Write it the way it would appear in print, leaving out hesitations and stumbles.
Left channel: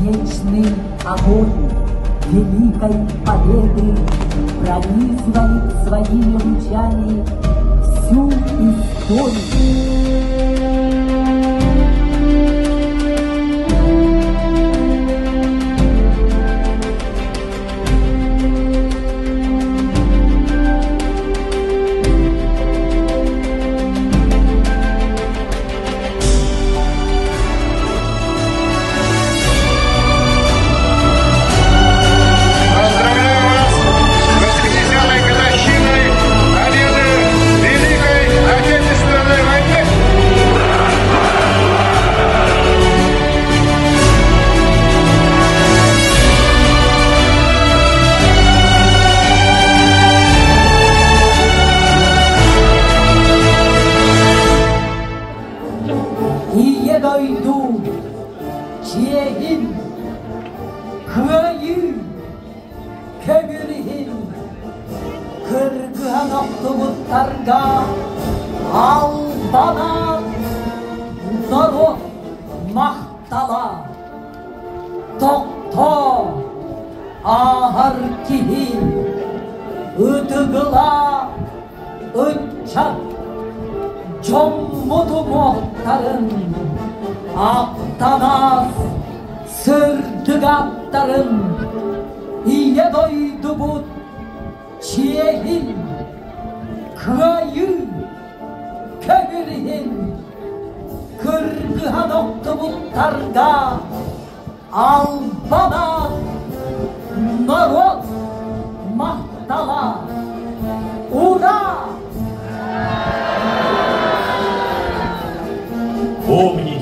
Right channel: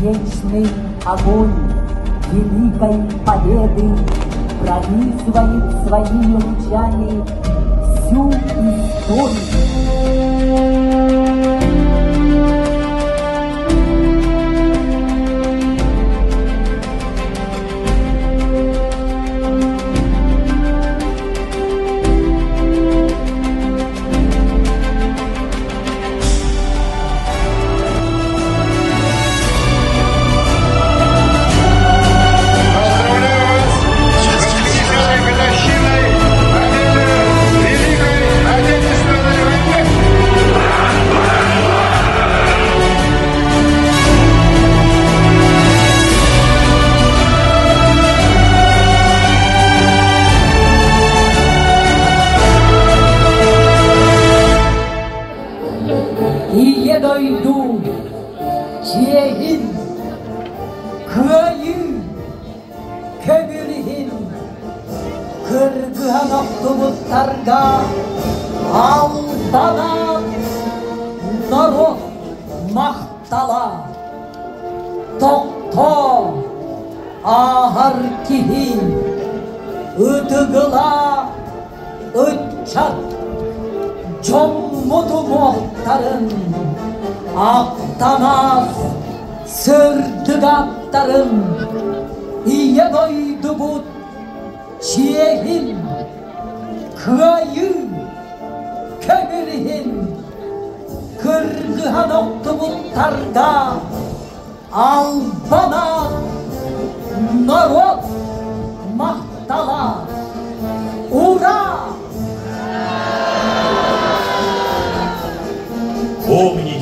вечный огонь великой победы пронизывает своими лучами всю историю. 이에 너희도 지혜의 힘, 그의 괴멸의 힘, 그러한 없도 못다른가 албана народ мақтала, тоқта ағар кейін, ұтығыла ұтчат, 정모도 못다른 앞담아 설득아 따른 이에 너희도 못 지혜의 힘 그의 괴멸의 힘 그러한 없도 못다른가 알바나 народ мақтала ура! Помни,